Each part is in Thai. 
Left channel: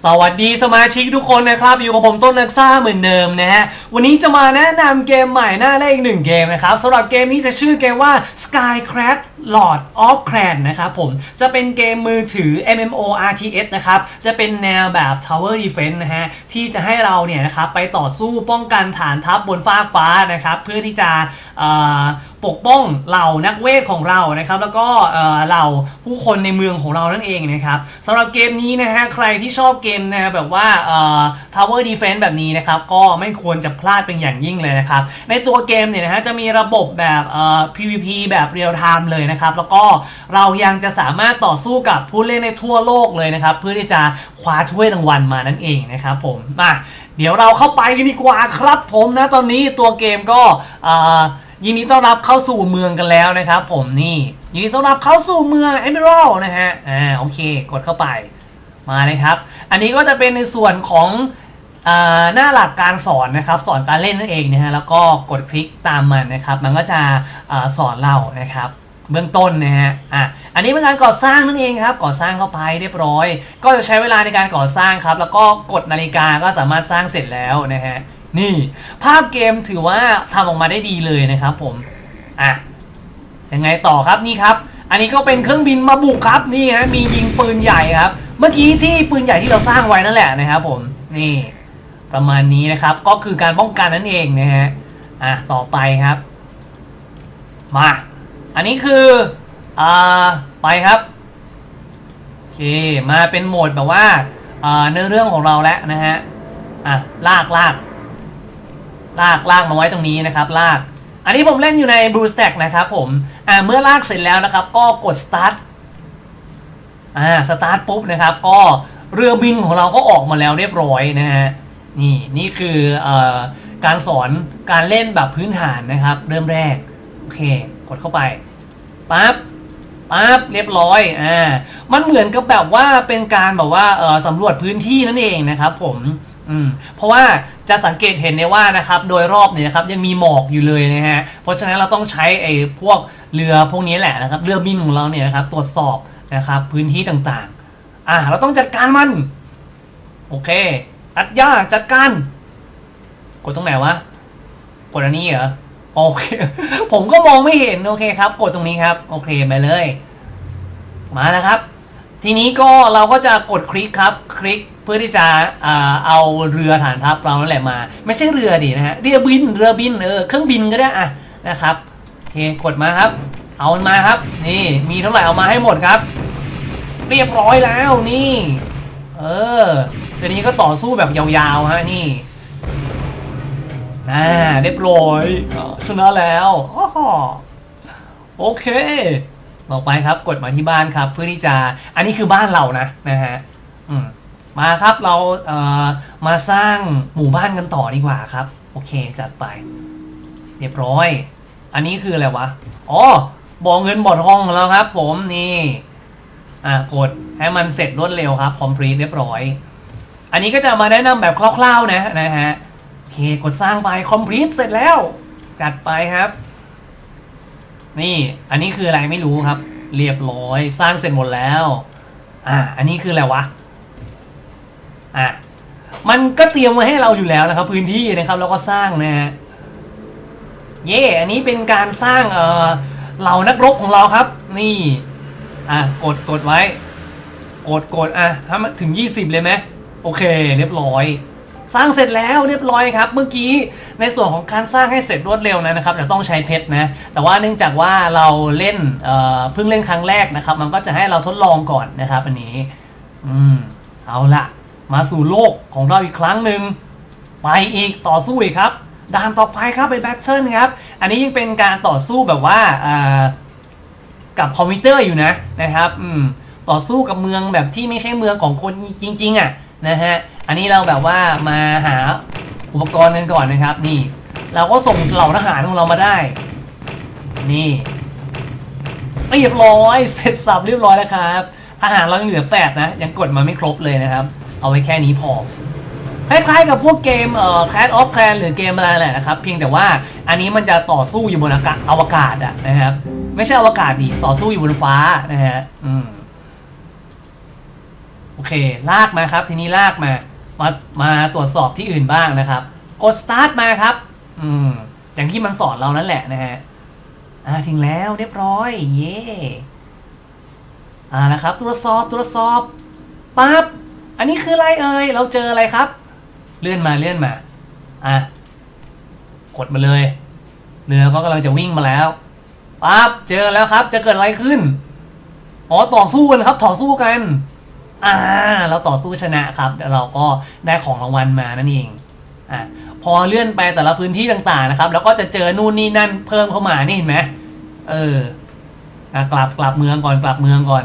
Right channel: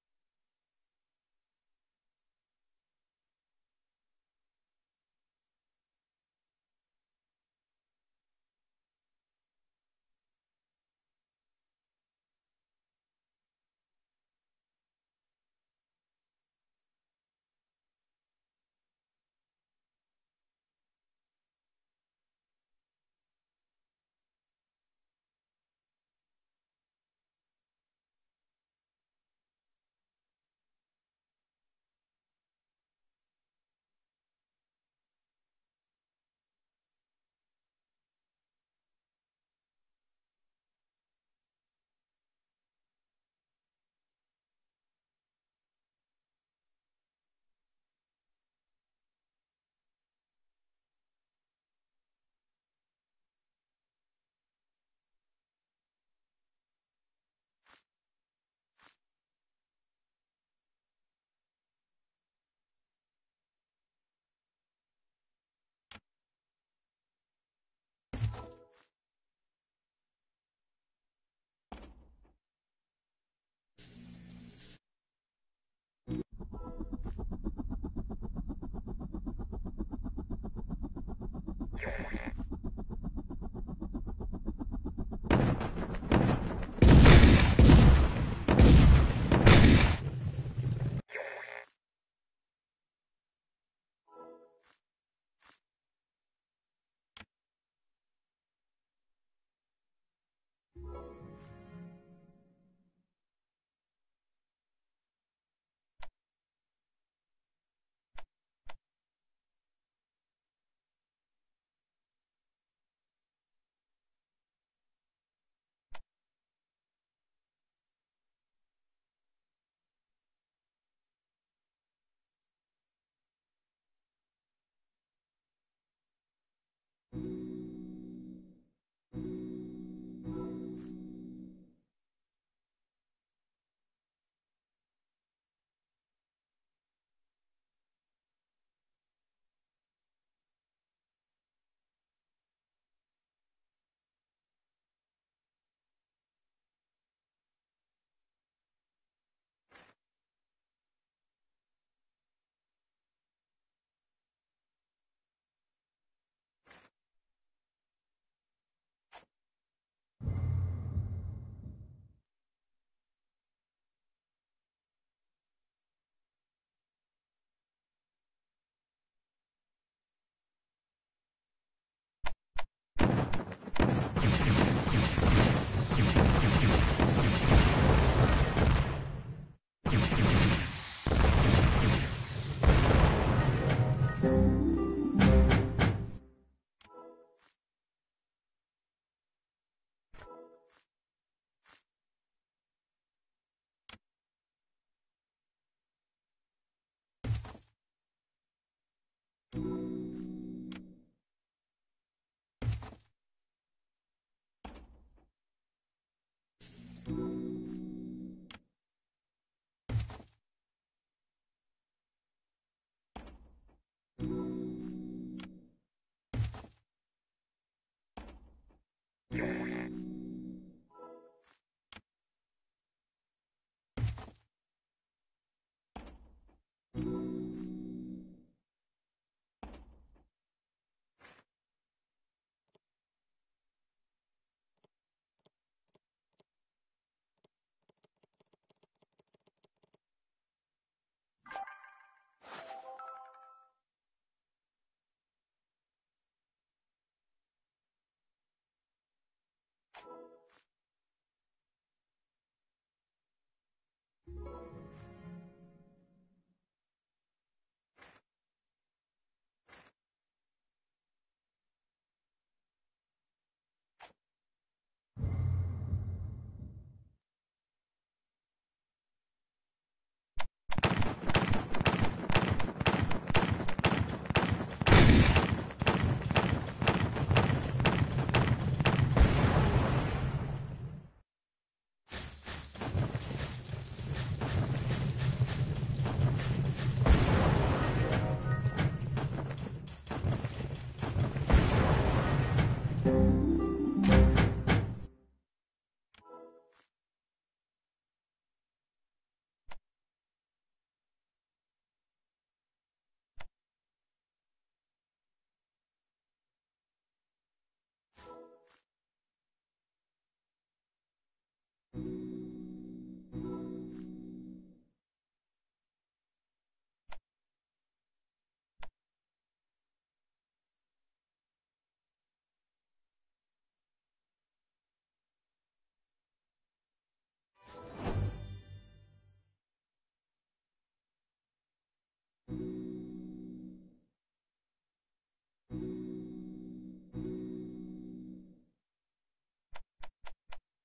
สวัสดีสมาชิกทุกคนนะครับ อยู่กับผมต้นนักซ่าเหมือนเดิมนะฮะ วันนี้จะมาแนะนำเกมใหม่หน้าแรกอีกหนึ่งเกมนะครับสำหรับเกมนี้จะชื่อเกมว่า Skycraft Lord of Clan นะครับผมจะเป็นเกมมือถือ MMORTS นะครับ จะเป็นแนวแบบ Tower Defense นะฮะ ที่จะให้เราเนี่ยนะครับไปต่อสู้ป้องกันฐานทัพบนฟากฟ้านะครับ เพื่อที่จะปกป้องเหล่านักเวทของเรานะครับ แล้วก็เหล่าผู้คนในเมืองของเรานั่นเองนะครับสำหรับเกมนี้นะฮะใครที่ชอบเกมแนะแบบว่า Tower Defense แบบนี้นะครับ ก็ไม่ควรจะพลาดเป็นอย่างยิ่งเลยนะครับ ในตัวเกมเนี่ยนะฮะจะมีระบบแบบ PVP แบบเรียลไทม์เลยนะครับ แล้วก็เรายังจะสามารถต่อสู้กับผู้เล่นในทั่วโลกเลยนะครับ เพื่อที่จะคว้าถ้วยรางวัลมานั่นเองนะครับผมมาเดี๋ยวเราเข้าไปกันดีกว่าครับผมนะตอนนี้ตัวเกมก็ยินดีต้อนรับเข้าสู่เมืองกันแล้วนะครับ ผมนี่ยินดีต้อนรับเข้าสู่เมืองเอ e ม a ร d นะฮะอ่าโอเค กดเข้าไปมาเลยครับ อันนี้ก็จะเป็นในส่วนของหน้าหลักการสอนนะครับ สอนการเล่นนั่นเองนะฮะแล้วก็กดคลิกตามมันนะครับ มันก็จะอสอนเรานะครับ เบื้องต้นนะฮะอะอันนี้เป็นการก่อสร้างนั่นเองครับก่อสร้างเข้าไปเรียบร้อย ก็จะใช้เวลาในการก่อสร้างครับ แล้วก็กดนาฬิกาก็สามารถสร้างเสร็จแล้วนะฮะนี่ภาพเกมถือว่าทำออกมาได้ดีเลยนะครับผมอะยังไงต่อครับนี่ครับ อันนี้ก็เป็นเครื่องบินมาบุกครับนี่ฮะมียิงปืนใหญ่ครับ เมื่อกี้ที่ปืนใหญ่ที่เราสร้างไว้นั่นแหละนะครับผมนี่ประมาณนี้นะครับก็คือการป้องกันนั่นเองนะฮะอะต่อไปครับ มา อันนี้คืออ่าไปครับโอเคมาเป็นโหมดแบบว่าเนื้อเรื่องของเราแล้วนะฮะอะลากลากลากลากมาไว้ตรงนี้นะครับ ลาก อันนี้ผมเล่นอยู่ใน Blue Stack นะครับผมอ่าเมื่อลากเสร็จแล้วนะครับ ก็กด start อ่า start ปุ๊บนะครับ ก็เรือบินของเราก็ออกมาแล้วเรียบร้อยนะฮะนี่นี่คืออการสอนการเล่นแบบพื้นฐานนะครับ เริ่มแรก โอเค กดเข้าไปปั๊บปั๊บเรียบร้อยอ่ามันเหมือนกับแบบว่าเป็นการแบบว่าเออสำรวจพื้นที่นั่นเองนะครับผมอืมเพราะว่าจะสังเกตเห็นได้ว่านะครับโดยรอบเนี่ยครับยังมีหมอกอยู่เลยนะฮะเพราะฉะนั้นเราต้องใช้ไอ้พวกเรือพวกนี้แหละนะครับเรือบินของเราเนี่ยนะครับตรวจสอบนะครับพื้นที่ต่างๆอ่าเราต้องจัดการมันโอเคตัดหญ้าจัดการกดตรงไหนวะกดอันนี้เหรอ โอเค ผมก็มองไม่เห็น โอเคครับ กดตรงนี้ครับ โอเคไปเลย มาแล้วครับ ทีนี้ก็เราก็จะกดคลิกครับ คลิกเพื่อที่จะเอาเรือฐานทัพเรานั่นแหละมา ไม่ใช่เรือดินะฮะ เรือบิน เรือบิน เออ เครื่องบินก็ได้อะนะครับ โอเค กดมาครับ เอามาครับ นี่ มีเท่าไหร่เอามาให้หมดครับ เรียบร้อยแล้วนี่ เออทีนี้ก็ต่อสู้แบบยาวๆฮะนี่ อ่าเรียบร้อยชนะแล้วโอเคต่อไปครับกดมาที่บ้านครับ เพื่อที่จะอันนี้คือบ้านเรานะนะฮะมาครับเราเมาสร้างหมู่บ้านกันต่อดีกว่าครับ โอเคจัดไป เรียบร้อย อันนี้คืออะไรวะอ๋อบ่อเงินบ่อทองของเราครับ ผมนี่อ่ากดให้มันเสร็จรวดเร็วครับ complete เรียบร้อย อันนี้ก็จะมาแนะนำแบบคร่าวๆนะนะฮะ เคกดสร้างไป complete เสร็จแล้ว จัดไปครับ นี่อันนี้คืออะไรไม่รู้ครับ เรียบร้อยสร้างเสร็จหมดแล้ว อ่า อันนี้คืออะไรวะ อะมันก็เตรียมไว้ให้เราอยู่แล้วนะครับ พื้นที่นะครับ แล้วก็สร้างนะฮะเย่อันนี้เป็นการสร้างเออเหล่านักรบของเราครับ นี่ อะกดกดไว้ กดกดอะถ้ามันถึง 20 เลยไหมโอเค เรียบร้อย สร้างเสร็จแล้วเรียบร้อยครับ เมื่อกี้ในส่วนของการสร้างให้เสร็จรวดเร็วนะครับจะต้องใช้เพชรนะแต่ว่าเนื่องจากว่าเราเล่นเพิ่งเล่นครั้งแรกนะครับ มันก็จะให้เราทดลองก่อนนะครับอันนี้อืมเอาละมาสู่โลกของเราอีกครั้งหนึ่งไปอีกต่อสู้อีกครับด่านต่อไปครับเป็นแบทเทิลครับ อันนี้ยังเป็นการต่อสู้แบบว่ากับคอมพิวเตอร์อยู่นะนะครับ อืมต่อสู้กับเมืองแบบที่ไม่ใช่เมืองของคนจริง ๆอะ นะฮะ อันนี้เราแบบว่ามาหาอุปกรณ์กันก่อนนะครับ นี่ เราก็ส่งเหล่าทหารของเรามาได้ นี่เรียบร้อย เสร็จสับเรียบร้อยแล้วครับทหารเรายังเหลือแปดนะ ยังกดมาไม่ครบเลยนะครับ เอาไว้แค่นี้พอคล้ายๆกับพวกเกมเอ่อ Clash of Clans หรือเกมอะไรแหละนะครับ เพียงแต่ว่าอันนี้มันจะต่อสู้อยู่บนอากาศอวกาศอะนะครับ ไม่ใช่อวกาศดิต่อสู้อยู่บนฟ้านะฮะ อืม โอเค ลากมาครับ ทีนี้ลากมา มา มาตรวจสอบที่อื่นบ้างนะครับ กด start มาครับ อืม อย่างที่มันสอนเรานั่นแหละนะฮะ อ่า ถึงแล้วเรียบร้อย เย่อ่าแล้วครับ ตรวจสอบ ตรวจสอบ ปั๊บ อันนี้คืออะไรเอ่ย เราเจออะไรครับ เลื่อนมา เลื่อนมา อะ กดมาเลย เรือก็กำลังจะวิ่งมาแล้ว ปั๊บ เจอแล้วครับ จะเกิดอะไรขึ้น อ๋อ ต่อสู้กันครับ ต่อสู้กัน อ่าเราต่อสู้ชนะครับเราก็ได้ของรางวัลมานั่นเองอะพอเลื่อนไปแต่ละพื้นที่ต่างๆนะครับ แล้วก็จะเจอนู่นนี่นั่นเพิ่มเข้ามานี่เห็นไหมเอออะกลับกลับเมืองก่อนกลับเมืองก่อน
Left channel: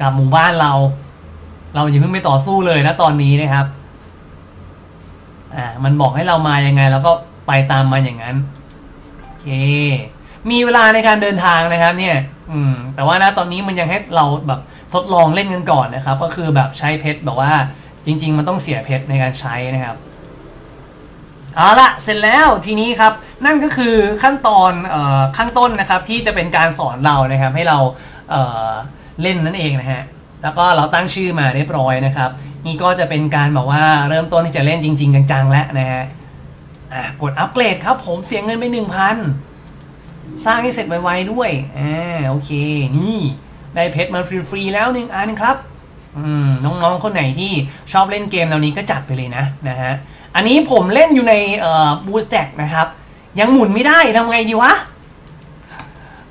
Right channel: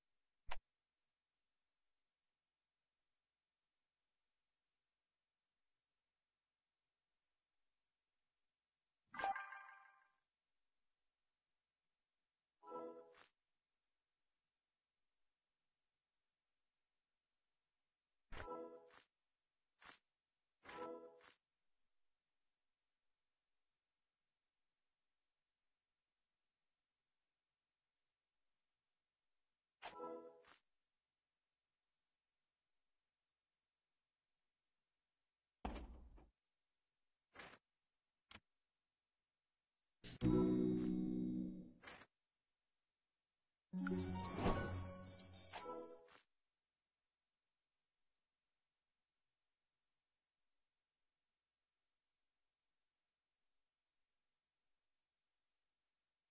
กลับหมู่บ้านเรา เราอย่าเพิ่งไปต่อสู้เลยนะตอนนี้นะครับอ่ามันบอกให้เรามายังไงเราก็ไปตามมันอย่างนั้นโอเคมีเวลาในการเดินทางนะครับ เนี่ย อืม แต่ว่านะตอนนี้มันยังให้เราแบบทดลองเล่นกันก่อนนะครับ ก็คือแบบใช้เพชรแบบว่า จริง ๆ มันต้องเสียเพชรในการใช้นะครับเอาละเสร็จแล้วทีนี้ครับนั่นก็คือขั้นตอนออข้างต้นนะครับ ที่จะเป็นการสอนเรานะครับ ให้เราเเล่นนั่นเองนะฮะแล้วก็เราตั้งชื่อมาเรียบร้อยนะครับ นี่ก็จะเป็นการแบบว่าเริ่มต้นที่จะเล่นจริง ๆ จังๆแล้วนะฮะอะกดอัปเกรดครับผมเสียเงินไปหนึ่งพัน สร้างให้เสร็จไวๆด้วยอ่าโอเค นี่ได้เพชรมาฟรีๆแล้วหนึ่งอันครับอืมน้องๆคนไหนที่ชอบเล่นเกมแนวนี้ก็จัดไปเลยนะนะฮะอันนี้ผมเล่นอยู่ในเอ่อบูสแต็กนะครับ ยังหมุนไม่ได้ทำไงดีวะ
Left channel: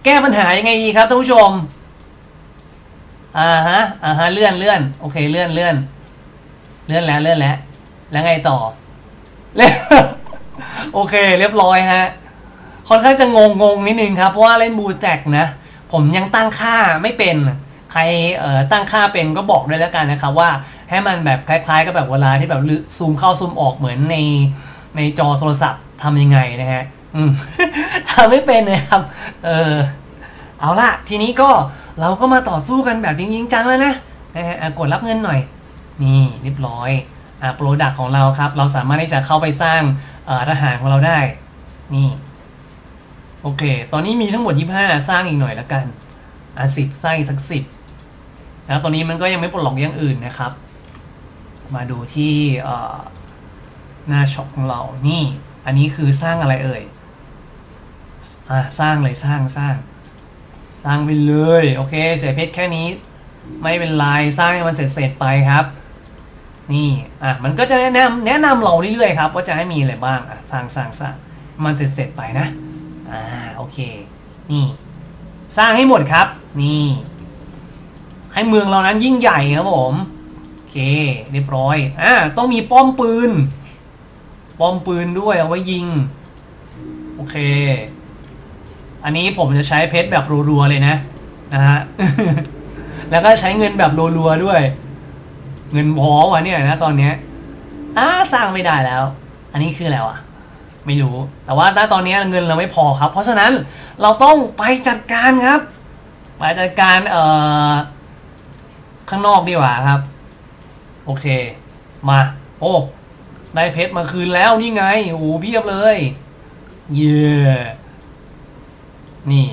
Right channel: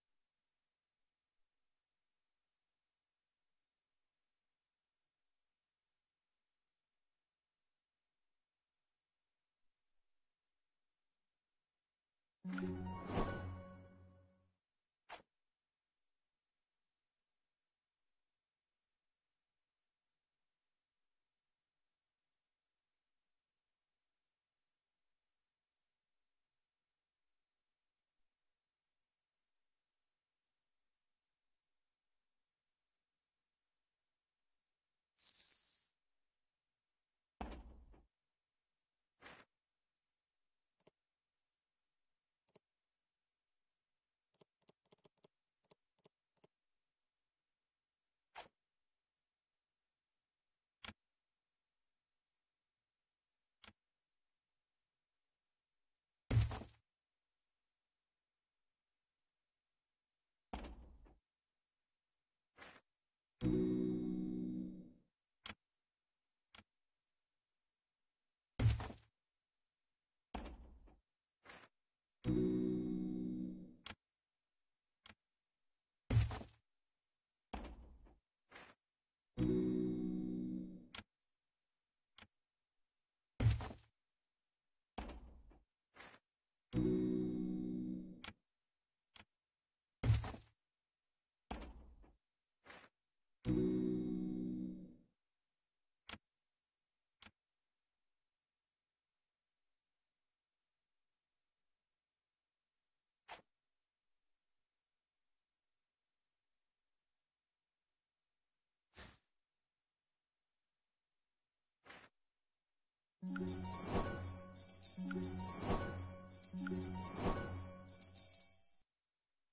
แก้ปัญหายังไงดีครับท่านผู้ชมอ่าฮะอ่าฮะเลื่อนเลื่อนโอเคเลื่อนเลื่อนเลื่อนแล้วเลื่อนแล้ว แล้วไงต่อเล่นโอเค เรียบร้อยฮะ ค่อนข้างจะงงงงนิดนึงครับเพราะว่าเล่นบูแตกนะผมยังตั้งค่าไม่เป็นใครเอ่อตั้งค่าเป็นก็บอกด้วยแล้วกันนะครับว่าให้มันแบบคล้ายๆกับแบบเวลาที่แบบซูมเข้าซูมออกเหมือนในในจอโทรศัพท์ทำยังไงนะฮะอืมทำไม่เป็นนะครับ เออเอาละทีนี้ก็เราก็มาต่อสู้กันแบบจริงจังแล้วนะนะฮะกดรับเงินหน่อย นี่เรียบร้อยอ่าโปรดักของเราครับ เราสามารถที่จะเข้าไปสร้างทหารของเราได้ นี่ โอเค ตอนนี้มีทั้งหมด 25 สร้างอีกหน่อยละกัน อะสิบสร้างอีกสักสิบแล้วตอนนี้มันก็ยังไม่ปลดล็อกอย่างอื่นนะครับ มาดูที่หน้าช็อปของเรา นี่ อันนี้คือสร้างอะไรเอ่ย อะสร้างเลยสร้างสร้าง สร้างไปเลย โอเคเสียเพชรแค่นี้ ไม่เป็นไร สร้างให้มันเสร็จๆไปครับ นี่ อะ มันก็จะแนะนำแนะนำเราเรื่อยๆครับ ว่าจะให้มีอะไรบ้าง อะ สร้างสร้างสร้าง มันเสร็จๆไปนะ อ่าโอเค นี่ สร้างให้หมดครับ นี่ ให้เมืองเรานั้นยิ่งใหญ่ครับผมโอเคเรียบร้อยอ่าต้องมีป้อมปืน ป้อมปืนด้วยเอาไว้ยิง โอเค อันนี้ผมจะใช้เพชรแบบรัวๆเลยนะนะฮะแล้วก็ใช้เงินแบบรัวๆด้วย เงินพอวะเนี่ยนะตอนเนี้ยอ่าสร้างไม่ได้แล้ว อันนี้คืออะไรวะ ไม่รู้ แต่ว่าณตอนนี้เงินเราไม่พอครับ เพราะฉะนั้นเราต้องไปจัดการครับ ไปจัดการเอ่อข้างนอกดีกว่าครับ โอเค มา โอ้ ได้เพชรมาคืนแล้วนี่ไงโอ้โหเพียบเลย เย้นี่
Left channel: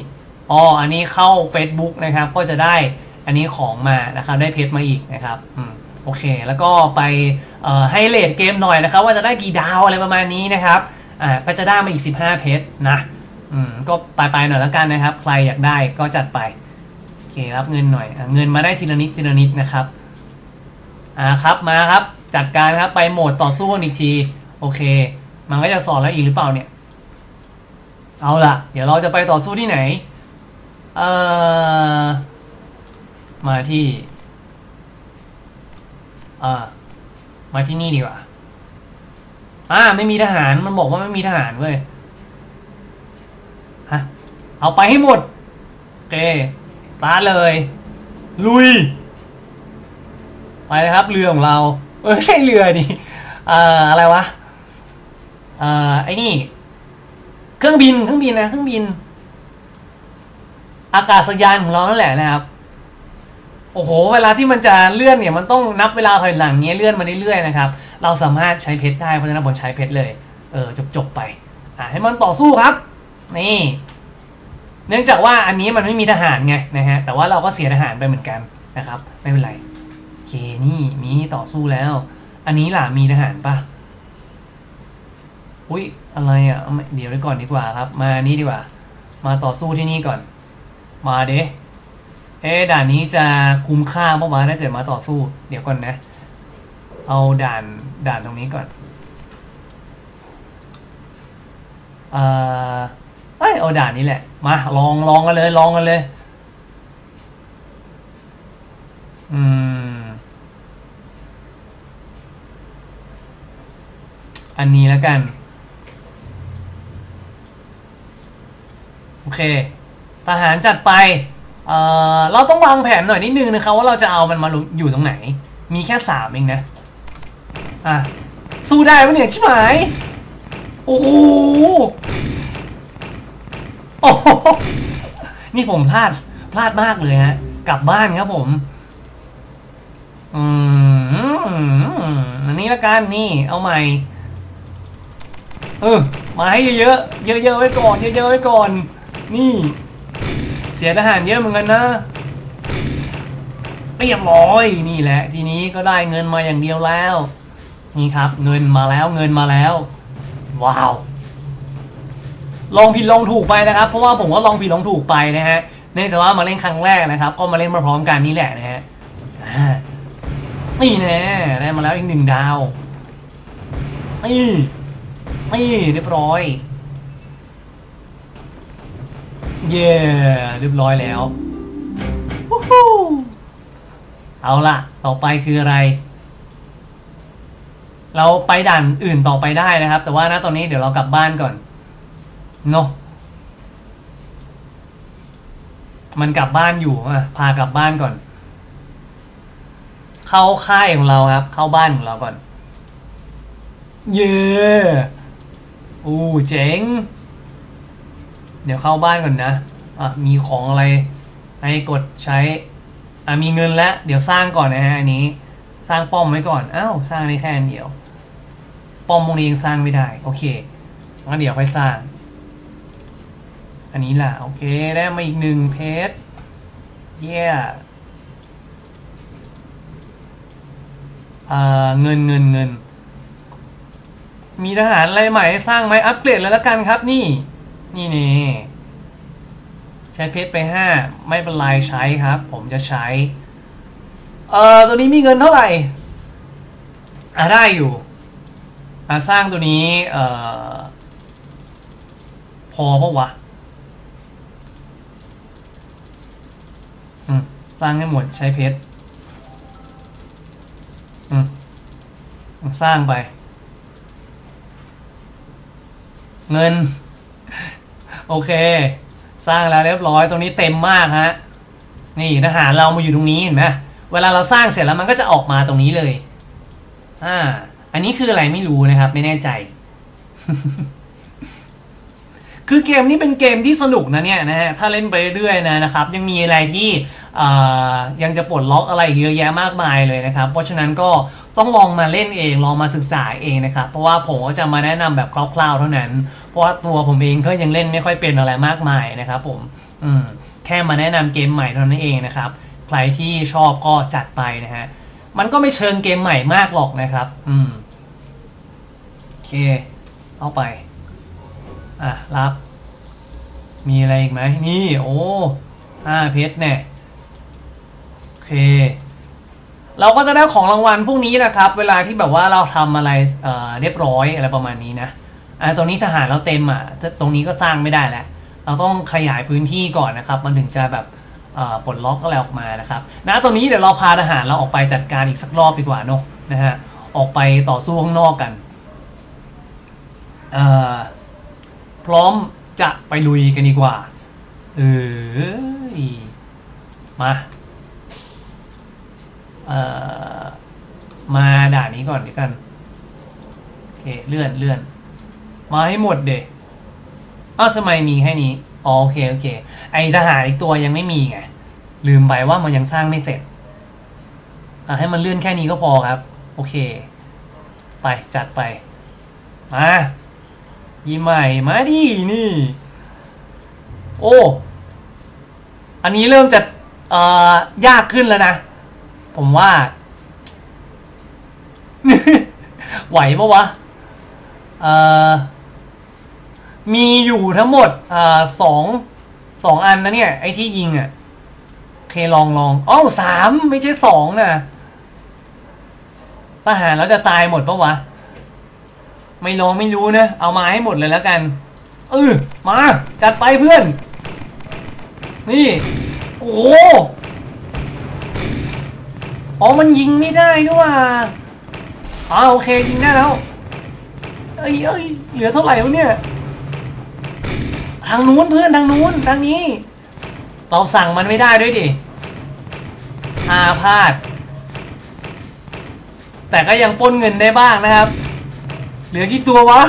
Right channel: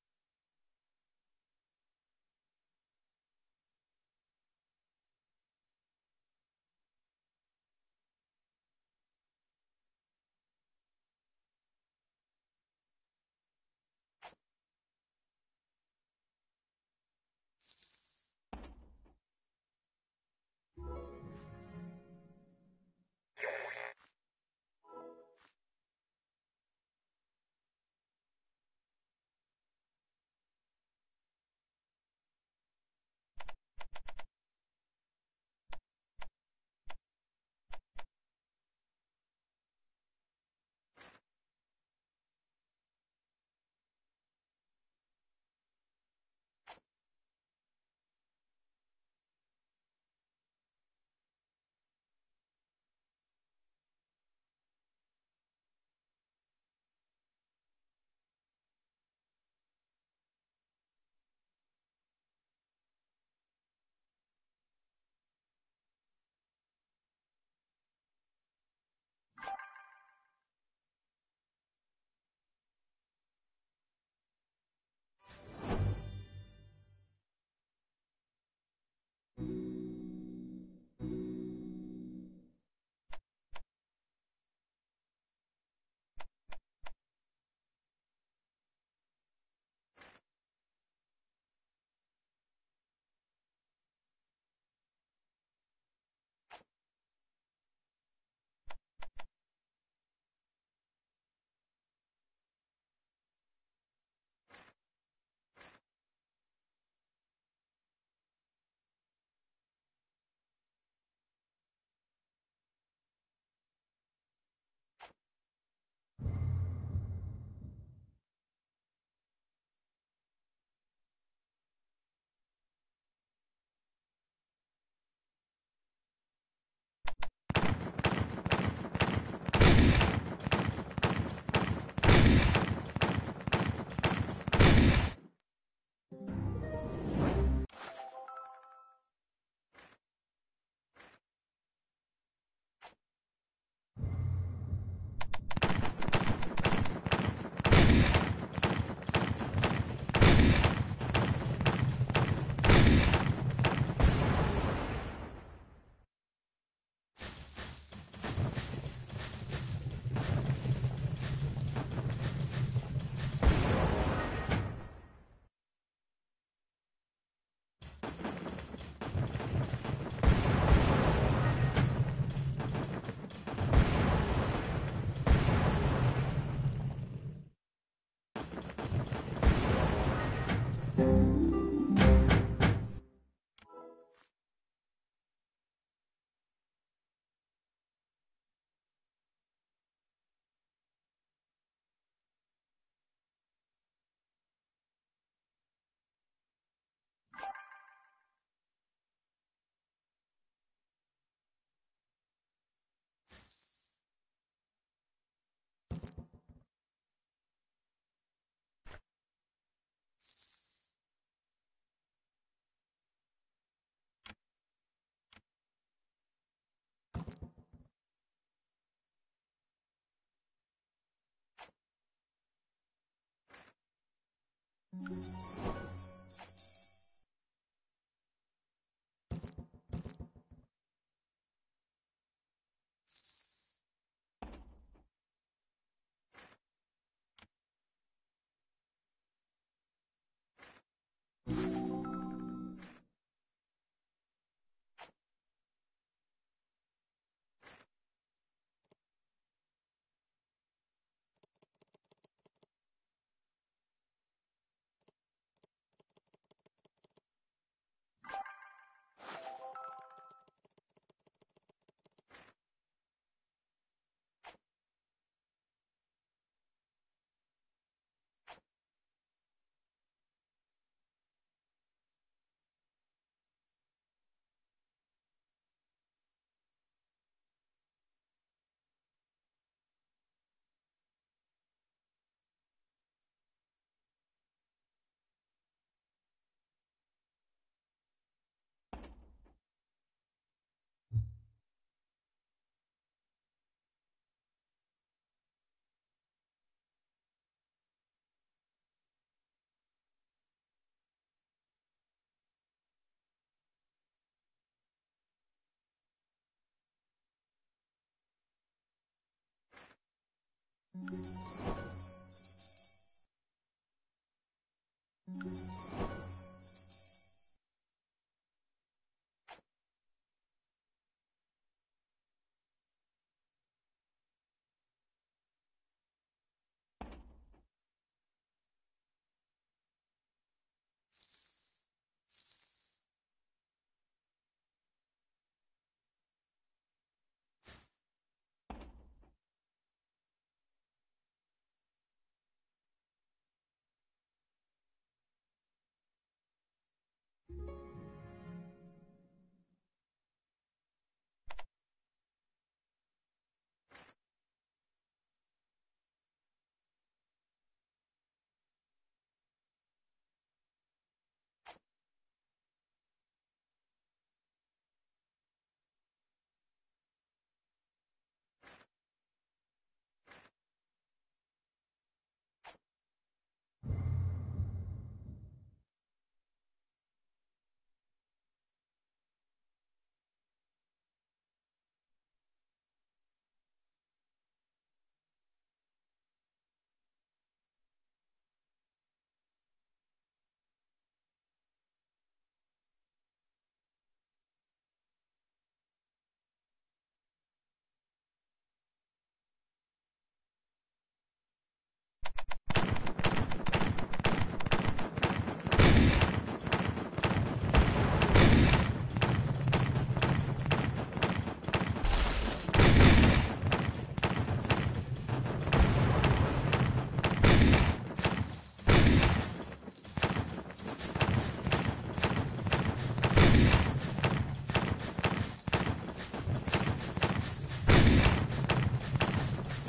อ๋ออันนี้เข้า Facebook นะครับ ก็จะได้อันนี้ของมานะครับ ได้เพชรมาอีกนะครับอืมโอเค แล้วก็ไปเอ่อให้เลทเกมหน่อยนะครับ ว่าจะได้กี่ดาวอะไรประมาณนี้นะครับ อ่าก็จะได้มาอีก 15 เพชรนะอืมก็ไปไปๆหน่อยแล้วกันนะครับ ใครอยากได้ก็จัดไปโอเครับเงินหน่อยอเงินมาได้ทีละนิดทีละนิดนะครับอ่าครับมาครับจัดการครับไปโหมดต่อสู้อีกทีโอเค มันก็จะสอนแล้วอีกหรือเปล่าเนี่ย เอาล่ะ เดี๋ยวเราจะไปต่อสู้ที่ไหนเอ่อมาที่อ่ามาที่นี่ดีกว่า อ่าไม่มีทหารมันบอกว่าไม่มีทหารเว้ยฮะเอาไปให้หมดโอเคตาเลย ลุย ไปเลยครับเรือของเรา เออไม่ใช่เรือดิเอ่ออะไรวะเอ่อไอ้นี่ เครื่องบินเครื่องบินนะเครื่องบิน อากาศยานของเรานั่นแหละนะครับ โอ้โห เวลาที่มันจะเลื่อนเนี่ยมันต้องนับเวลาถอยหลังเงี้ยเลื่อนมาเรื่อยๆนะครับ เราสามารถใช้เพชรได้ เพราะฉะนั้นผมใช้เพชรเลย เออจบๆไปอ่าให้มันต่อสู้ครับ นี่ เนื่องจากว่าอันนี้มันไม่มีทหารไงนะฮะ แต่ว่าเราก็เสียทหารไปเหมือนกันนะครับ ไม่เป็นไรโอเคนี่มีต่อสู้แล้ว อันนี้ล่ะมีทหารปะอุ้ยอะไรอะเอาไม่เดี๋ยวไว้ก่อนดีกว่าครับ มานี่ดีกว่า มาต่อสู้ที่นี่ก่อน มาเด้ เอ๊ด่านนี้จะคุ้มค่าเมื่อวานถ้าเกิดมาต่อสู้ เดี๋ยวก่อนนะ เอาด่านด่านตรงนี้ก่อนเออเอ้ยเอาด่านนี้แหละ มาลองลองกันเลย ลองกันเลย อืม อันนี้แล้วกัน โอเค ทหารจัดไป เอ่อเราต้องวางแผนหน่อยนิดนึงนะครับว่าเราจะเอามันมาอยู่ตรงไหน มีแค่สามเองนะอะสู้ได้ปะเนี่ยชิบหายโอ้โหโอ้โหนี่ผมพลาดพลาดมากเลยฮะกลับบ้านครับผมอืมอันนี้ละกันนี่ เอาใหม่เออมาให้เยอะๆเยอะๆไว้ก่อนเยอะๆไว้ก่อน นี่ เสียทหารเยอะเหมือนกันนะเรียบร้อยนี่แหละ ทีนี้ก็ได้เงินมาอย่างเดียวแล้ว นี่ครับ เงินมาแล้วเงินมาแล้ว ว้าว ลองผิดลองถูกไปนะครับ เพราะว่าผมก็ลองผิดลองถูกไปนะฮะเนื่องจากว่ามาเล่นครั้งแรกนะครับ ก็มาเล่นมาพร้อมกันนี่แหละนะฮะนี่แน่ได้มาแล้วอีกหนึ่งดาวนี่นี่เรียบร้อย เย้เรียบร้อยแล้ววู้ฮู้เอาล่ะต่อไปคืออะไร เราไปด่านอื่นต่อไปได้นะครับ แต่ว่าณตอนนี้เดี๋ยวเรากลับบ้านก่อนเนาะมันกลับบ้านอยู่อะพากลับบ้านก่อน เข้าค่ายของเราครับ เข้าบ้านของเราก่อน เย้อู้เจ๋ง เดี๋ยวเข้าบ้านก่อนนะอะมีของอะไรให้กดใช้อะมีเงินแล้วเดี๋ยวสร้างก่อนนะฮะอันนี้ สร้างป้อมไว้ก่อนอ้าวสร้างได้แค่นเดียว ป้อมพวกนี้ยังสร้างไม่ได้ โอเคงั้นเดี๋ยวค่อยสร้าง อันนี้ล่ะโอเคได้มาอีกหนึ่งเพชรเย้อ่าเงินเงินเงิน มีทหารอะไรใหม่ให้สร้างไหมอัปเกรดแล้วละกันครับนี่ นี่นี่ใช้เพชรไปห้าไม่เป็นไรใช้ครับ ผมจะใช้ เอ่อตัวนี้มีเงินเท่าไหร่อ่าได้อยู่อ่าสร้างตัวนี้ เอ่อ พอปะวะสร้างให้หมดใช้เพชรสร้างไป เงิน โอเค สร้างแล้วเรียบร้อยตรงนี้เต็มมากฮะนี่ทหารเรามาอยู่ตรงนี้เห็นไหมเวลาเราสร้างเสร็จแล้วมันก็จะออกมาตรงนี้เลยอ่าอันนี้คืออะไรไม่รู้นะครับ ไม่แน่ใจ คือเกมนี้เป็นเกมที่สนุกนะเนี่ยนะฮะถ้าเล่นไปเรื่อยๆนะนะครับ ยังมีอะไรที่ยังจะปลดล็อกอะไรเยอะแยะมากมายเลยนะครับ เพราะฉะนั้นก็ต้องลองมาเล่นเองลองมาศึกษาเองนะครับ เพราะว่าผมก็จะมาแนะนำแบบคร่าวๆเท่านั้น เพราะว่าตัวผมเองก็ยังเล่นไม่ค่อยเป็นอะไรมากมายนะครับผมอืมแค่มาแนะนำเกมใหม่เท่านั้นเองนะครับ ใครที่ชอบก็จัดไปนะฮะมันก็ไม่เชิงเกมใหม่มากหรอกนะครับ อืมโอเค เอาไป อะ รับ มีอะไรอีกไหมนี่ โอ้ห้าเพชรเนี่ยโอเค เราก็จะได้ของรางวัลพวกนี้แหละครับ เวลาที่แบบว่าเราทำอะไรเอ่อเรียบร้อยอะไรประมาณนี้นะอ่าตรงนี้ทหารเราเต็มอะตรงนี้ก็สร้างไม่ได้แล้วเราต้องขยายพื้นที่ก่อนนะครับ มันถึงจะแบบปลดล็อกอะไรออกมานะครับนะตรงนี้เดี๋ยวเราพาทหารเราออกไปจัดการอีกสักรอบดีกว่าเนาะนะฮะออกไปต่อสู้ข้างนอกกันอ่า พร้อมจะไปลุยกันดีกว่า เออมาเอ่อมาด่านนี้ก่อนดีกันโอเคเลื่อนเลื่อนมาให้หมดเด็อ้าวทำไมมีแค่นี้อ๋อโอเคโอเค ไอทหารอีกตัวยังไม่มีไงลืมไปว่ามันยังสร้างไม่เสร็จอะให้มันเลื่อนแค่นี้ก็พอครับ โอเค ไปจัดไป มา ยีใหม่มาดินี่ โอ้ อันนี้เริ่มจะเอ่อยากขึ้นแล้วนะ ผมว่า ไหวปะวะเอ่อมีอยู่ทั้งหมดอ่าสองสองอันนะเนี่ย ไอ้ที่ยิงอะ่ะเคลองลองอ้าวสามไม่ใช่สองนะทหารแล้วจะตายหมดปะวะ ไม่ลองไม่รู้นะ เอามาให้หมดเลยแล้วกันเออมาจัดไปเพื่อน นี่ โอ้โหอ๋อมันยิงไม่ได้ด้วยว่ะอ๋อโอเคยิงได้แล้วเอ้ยเอ้ยเหลือเท่าไหร่วะเนี่ย ทางนู้นเพื่อนทางนู้นทางนี้ เราสั่งมันไม่ได้ด้วยดิอาพลาด แต่ก็ยังป้นเงินได้บ้างนะครับ เหลือกี่ตัววะ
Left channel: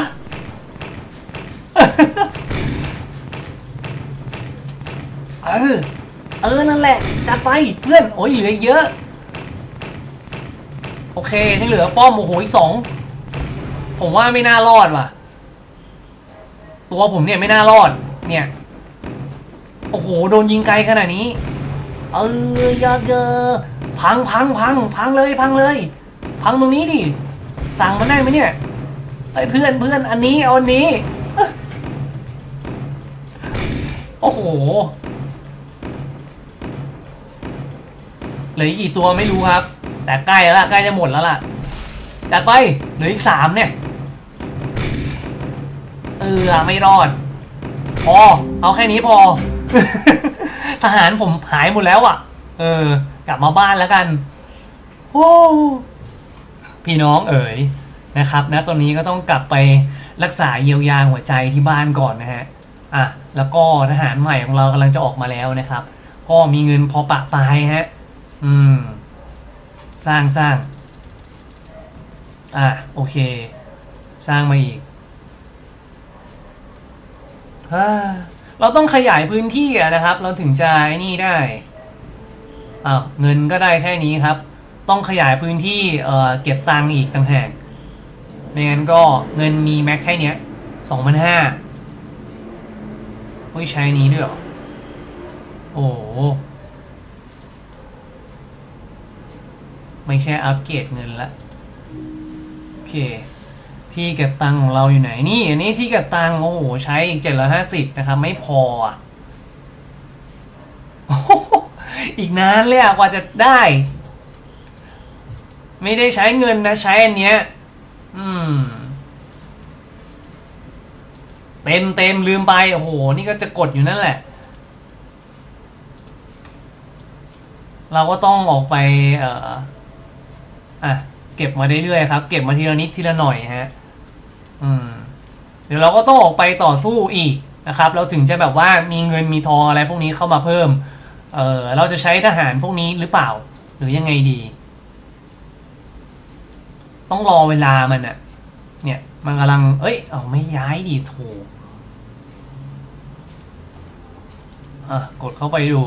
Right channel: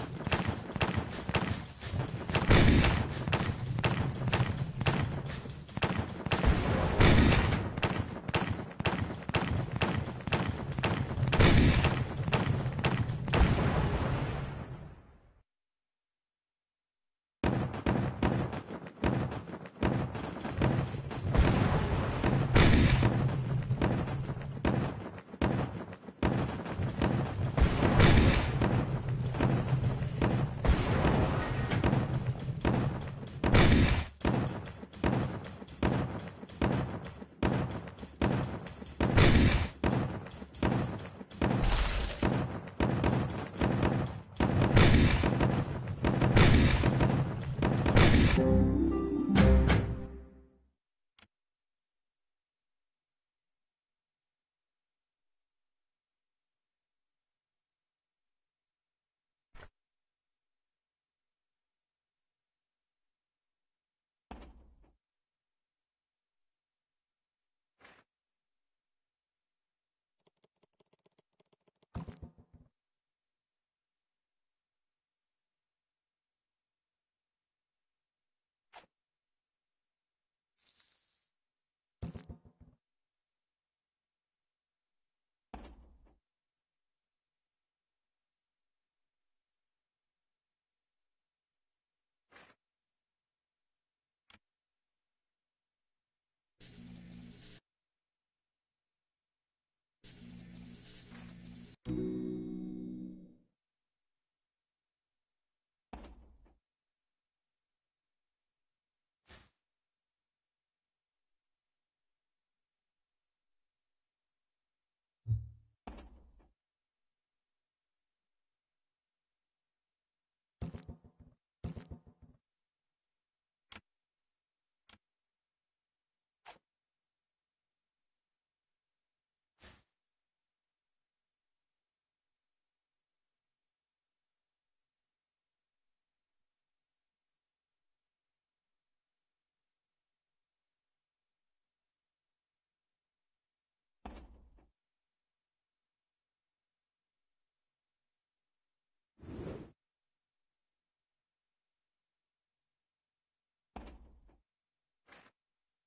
เออ เออ นั่นแหละ จัดไปเพื่อน โอ้ยเหลืออีกเยอะ โอเคนี่เหลือป้อมโอ้โหอีกสอง ผมว่าไม่น่ารอดว่ะ ตัวผมเนี่ยไม่น่ารอด เนี่ย โอ้โห โดนยิงไกลขนาดนี้ เออยาเดอพังพังพังพังเลยพังเลย พังตรงนี้ดิ สั่งมาได้ไหมเนี่ย ไอ้เพื่อนเพื่อนอันนี้เอาอันนี้ โอ้โห เหลืออีกกี่ตัวไม่รู้ครับ แต่ใกล้แล้วล่ะใกล้จะหมดแล้วล่ะจัดไปเหลืออีกสามเนี่ย เออไม่รอดพอเอาแค่นี้พอ ทหารผมหายหมดแล้วอะ เออ กลับมาบ้านแล้วกันโอ้พี่น้องเอ๋ย นะครับนะตอนนี้ก็ต้องกลับไปรักษาเยียวยาหัวใจที่บ้านก่อนนะฮะอะแล้วก็ทหารใหม่ของเรากำลังจะออกมาแล้วนะครับ ก็มีเงินพอปะปายฮะอืม สร้างสร้างอะโอเค สร้างมาอีกเราต้องขยายพื้นที่นะครับ เราถึงจะไอ้นี่ได้อ้าวเงินก็ได้แค่นี้ครับ ต้องขยายพื้นที่เอ่อเก็บตังค์อีกต่างหาก ไม่งั้นก็เงินมีแม็กแค่เนี้ยสองพันห้าเฮ้ยใช้นี้ด้วยหรอ โอ้ไม่ใช่อัปเกรดเงินละ โอเค ที่เก็บตังของเราอยู่ไหนนี่ อันนี้ที่เก็บตังโอ้โห ใช้อีกเจ็ดร้อยห้าสิบนะครับ ไม่พออะอีกนานเลยอะกว่าจะได้ ไม่ได้ใช้เงินนะ ใช้อันเนี้ย อืม เต็มเต็มลืมไป โอ้โห นี่ก็จะกดอยู่นั่นแหละ เราก็ต้องออกไป เอ่อ อะ เก็บมาเรื่อยๆครับ เก็บมาทีละนิดทีละหน่อยฮะ อืม เดี๋ยวเราก็ต้องออกไปต่อสู้อีกนะครับ เราถึงจะแบบว่ามีเงินมีทองอะไรพวกนี้เข้ามาเพิ่ม เออเราจะใช้ทหารพวกนี้หรือเปล่า หรือยังไงดี ต้องรอเวลามันอะเนี่ย มันกำลัง เอ้ย เอาไม่ย้ายดีถูกอะกดเข้าไปดู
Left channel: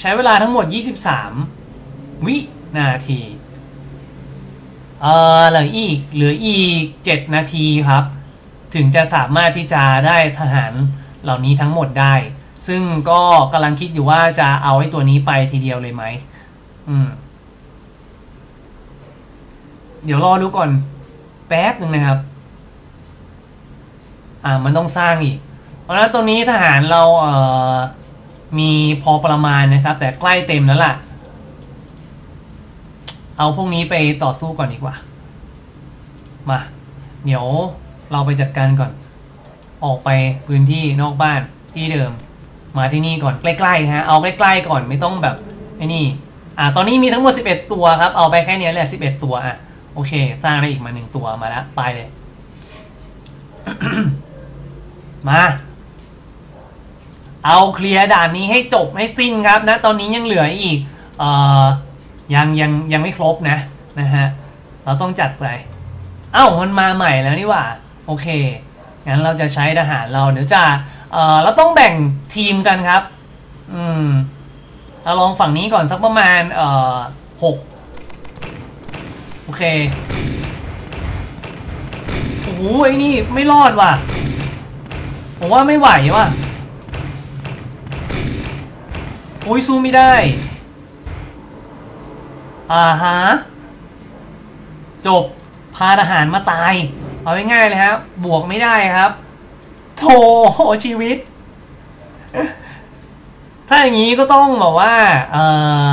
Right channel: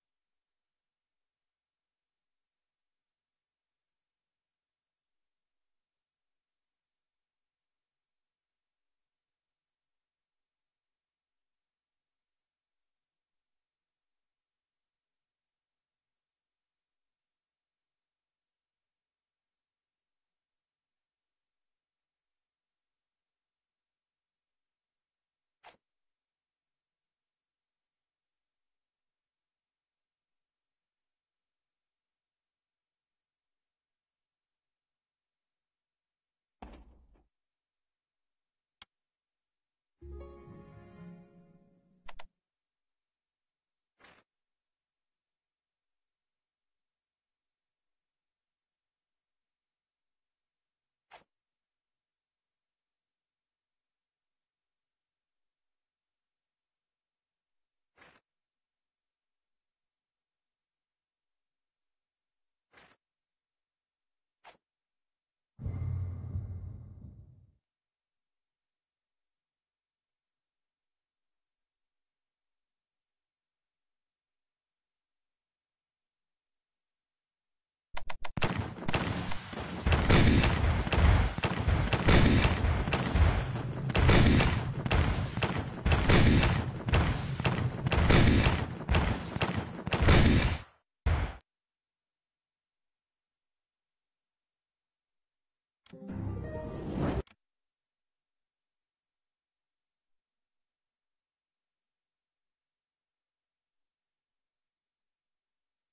ใช้เวลาทั้งหมด 23 วินาที เออเหลืออีก เหลืออีก 7 นาทีครับ ถึงจะสามารถที่จะได้ทหารเหล่านี้ทั้งหมดได้ ซึ่งก็กำลังคิดอยู่ว่าจะเอาไอ้ตัวนี้ไปทีเดียวเลยไหม อืม เดี๋ยวรอดูก่อนแป๊บหนึ่งนะครับ อ่ามันต้องสร้างอีก เพราะฉะนั้นตัวนี้ทหารเราเอ่อมีพอประมาณนะครับ แต่ใกล้เต็มแล้วล่ะ เอาพวกนี้ไปต่อสู้ก่อนดีกว่า มา เดี๋ยวเราไปจัดการก่อน ออกไปพื้นที่นอกบ้านที่เดิม มาที่นี่ก่อนใกล้ๆฮะเอาใกล้ๆก่อนไม่ต้องแบบไอ้นี่ อ่าตอนนี้มีทั้งหมด 11 ตัวครับ เอาไปแค่นี้แหละ 11 ตัวอะ โอเค สร้างได้อีกมาหนึ่งตัวมาแล้ว ไปเลย มา เอาเคลียร์ด่านนี้ให้จบให้สิ้นครับ นะ ตอนนี้ยังเหลืออีก เอ่อ ยังยังยังไม่ครบนะ นะฮะ เราต้องจัดไป เอ้า มันมาใหม่แล้วนี่หว่า โอเค งั้นเราจะใช้ทหารเราเดี๋ยวจะ เอ่อ เราต้องแบ่งทีมกันครับ อืม เราลองฝั่งนี้ก่อนสักประมาณ เอ่อหก เค โอ้โหไอ้นี่ไม่รอดว่ะ ผมว่าไม่ไหวว่ะโอ้ยสู้ไม่ได้ อ่าฮะ จบ พาทหารมาตาย เอาง่ายๆเลยครับ บวกไม่ได้ครับโธ่ชีวิต ถ้าอย่างนี้ก็ต้องบอกว่า เอ่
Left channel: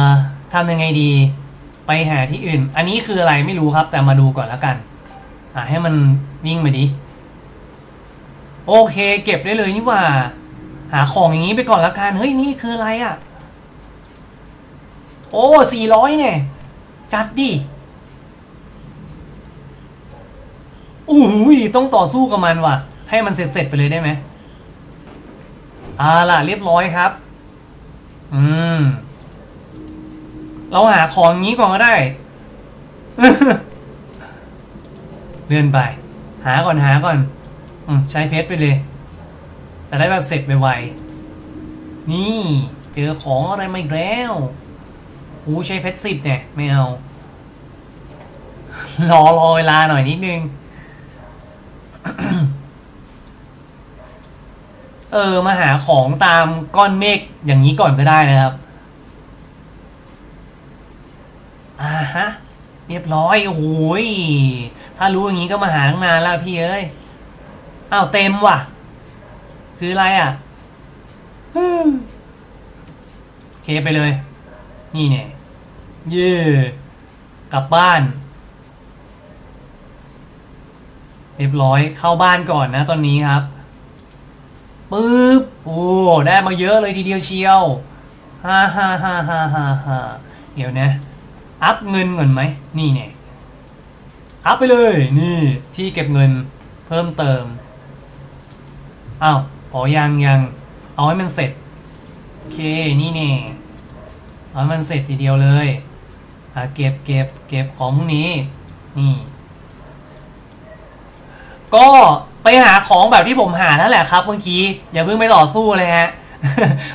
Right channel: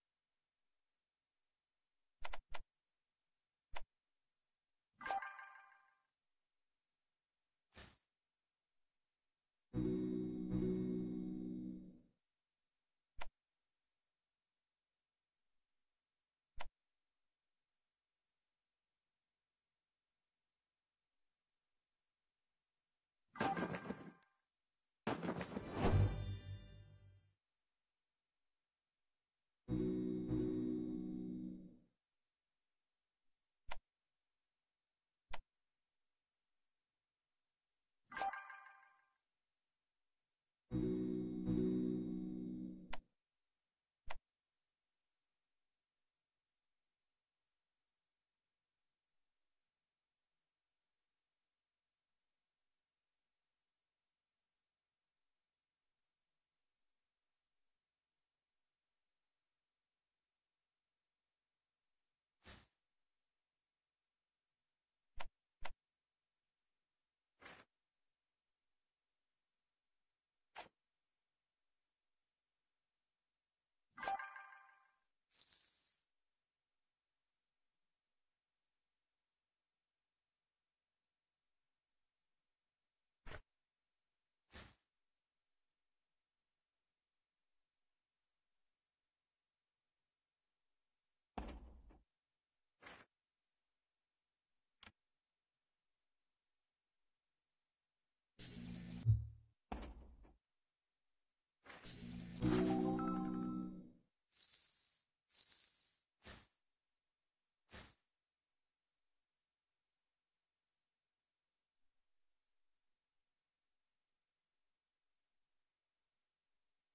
อทำยังไงดี ไปหาที่อื่น อันนี้คืออะไรไม่รู้ครับ แต่มาดูก่อนแล้วกัน อ่าให้มันวิ่งมาดิ โอเค เก็บได้เลยนี่ว่า หาของอย่างนี้ไปก่อนแล้วกัน เฮ้ยนี่คืออะไรอะ่ะ โอ้สี่ร้อยเนี่ย จัดดิอู้หูยต้องต่อสู้กับมันว่ะ ให้มันเสร็จๆไปเลยได้ไหมอ่าล่ะเรียบร้อยครับ อืม เราหาของอย่างนี้ก่อนก็ได้ เลื่อนไป หาก่อนหาก่อนอืใช้เพชรไปเลยจะได้แบบเสร็จไปไวนี่เจอของอะไรมาอีกแล้วโอ้ใช้เพชรสิบเนี่ย ไม่เอา รอรอเวลาหน่อยนิดนึง เออ มาหาของตามก้อนเมฆอย่างนี้ก่อนก็ได้นะครับ อ่าฮะ เรียบร้อย โอ้ย ถ้ารู้อย่างนี้ก็มาหาตั้งนานแล้วพี่เอ้ย อ้าวเต็มว่ะ คืออะไรอะเคไปเลย นี่เนี่ยเย่กลับบ้าน เรียบร้อยเข้าบ้านก่อนนะตอนนี้ครับปึ๊บโอ้ได้มาเยอะเลยทีเดียวเชียวฮ่าฮ่าฮ่าฮ่าฮ่าเดี๋ยวนะ อัพเงินก่อนไหมนี่เนี่ยอัพไปเลยนี่ที่เก็บเงินเพิ่มเติมอ้าวอ๋อยังยังเอาให้มันเสร็จโอเคนี่เนี่ยเอาให้มันเสร็จทีเดียวเลยอะเก็บเก็บเก็บของพวกนี้ นี่ ก็ไปหาของแบบที่ผมหานั่นแหละครับเมื่อกี้อย่าเพิ่งไปต่อสู้เลยฮะ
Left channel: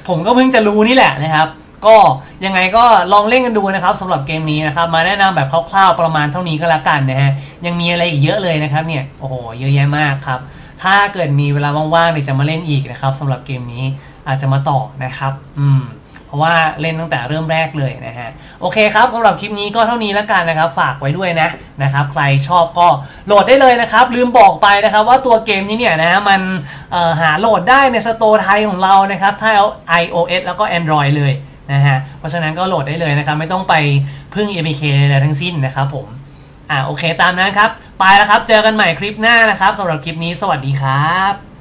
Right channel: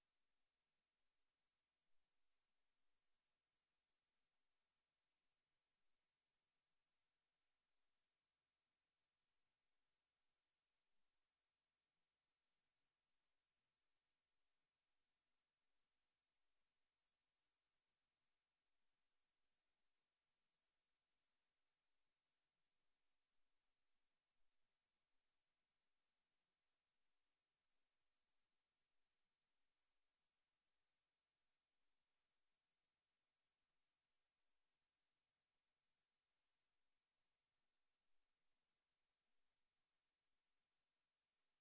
ผมก็เพิ่งจะรู้นี่แหละนะครับ ก็ยังไงก็ลองเล่นกันดูนะครับสำหรับเกมนี้นะครับมาแนะนำแบบคร่าวๆประมาณเท่านี้ก็แล้วกันนะฮะยังมีอะไรอีกเยอะเลยนะครับเนี่ยโอ้โหเยอะแยะมากครับถ้าเกิดมีเวลาว่างๆเนี่ยจะมาเล่นอีกนะครับสำหรับเกมนี้อาจจะมาต่อนะครับ อืมเพราะว่าเล่นตั้งแต่เริ่มแรกเลยนะฮะโอเคครับสำหรับคลิปนี้ก็เท่านี้แล้วกันนะครับ ฝากไว้ด้วยนะนะครับใครชอบก็โหลดได้เลยนะครับ ลืมบอกไปนะครับ ว่าตัวเกมนี้เนี่ยนะมันหาโหลดได้ในสโตร์ไทยของเรานะครับถ้าเอา iOS แล้วก็ Android เลย นะฮะ เพราะฉะนั้นก็โหลดได้เลยนะครับ ไม่ต้องไปพึ่ง APK ใดๆทั้งสิ้นนะครับผม อ่าโอเคตามนั้นครับ ไปแล้วครับ เจอกันใหม่คลิปหน้านะครับสำหรับคลิปนี้สวัสดีครับ